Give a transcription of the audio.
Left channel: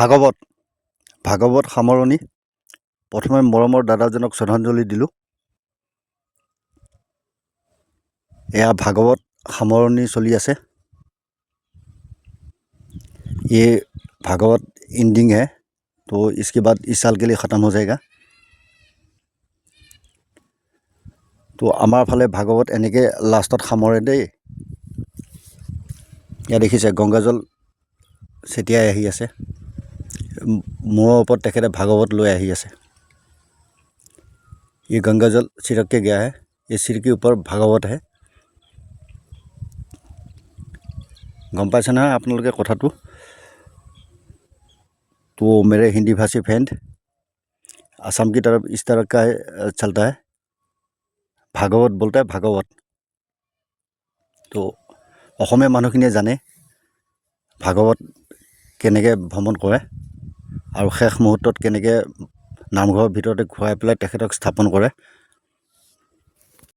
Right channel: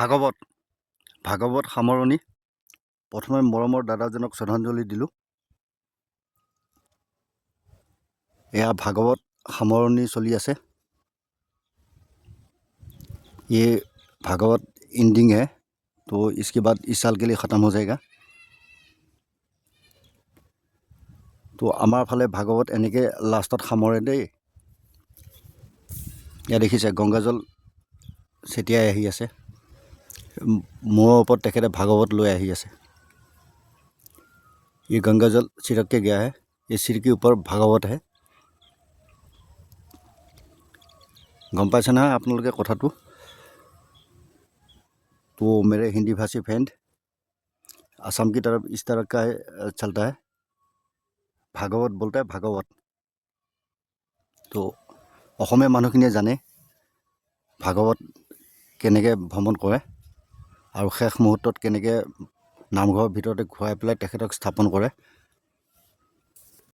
ভাগৱত সামৰণি। প্ৰথমে মৰমৰ দাদাজনক শ্ৰদ্ধাঞ্জলি দিলোঁ। এয়া ভাগৱত সামৰণি চলি আছে। ये भागवत एंडिंग है, तो इसके बाद इस साल के लिए ख़त्म हो जाएगा। तो आमार फाले भागवत एनेके लास्टत सामरे देই। या देखिছে गंगाजल छटियाই আহি আছে। मुँह ऊपर तेखेते भागवत লৈ আহি আছে। ये गंगाजल छिड़क के गया है। ये सिर के ऊपर भागवत है। गम पाइছে ना आप लोग के कथाटू। तो मेरे हिंदी भाषी फ्रेंड, असम की तरफ इस तरह का चलता है, भागवत बोलता है भागवत। तो অসমীয়া মানুহখিনিয়ে জানে ভাগৱত কেনেকৈ ভ্ৰমণ কৰে আৰু শেষ মুহূৰ্তত কেনেকৈ নামঘৰৰ ভিতৰতে ঘূৰাই পেলাই তেখেতক স্থাপন কৰে।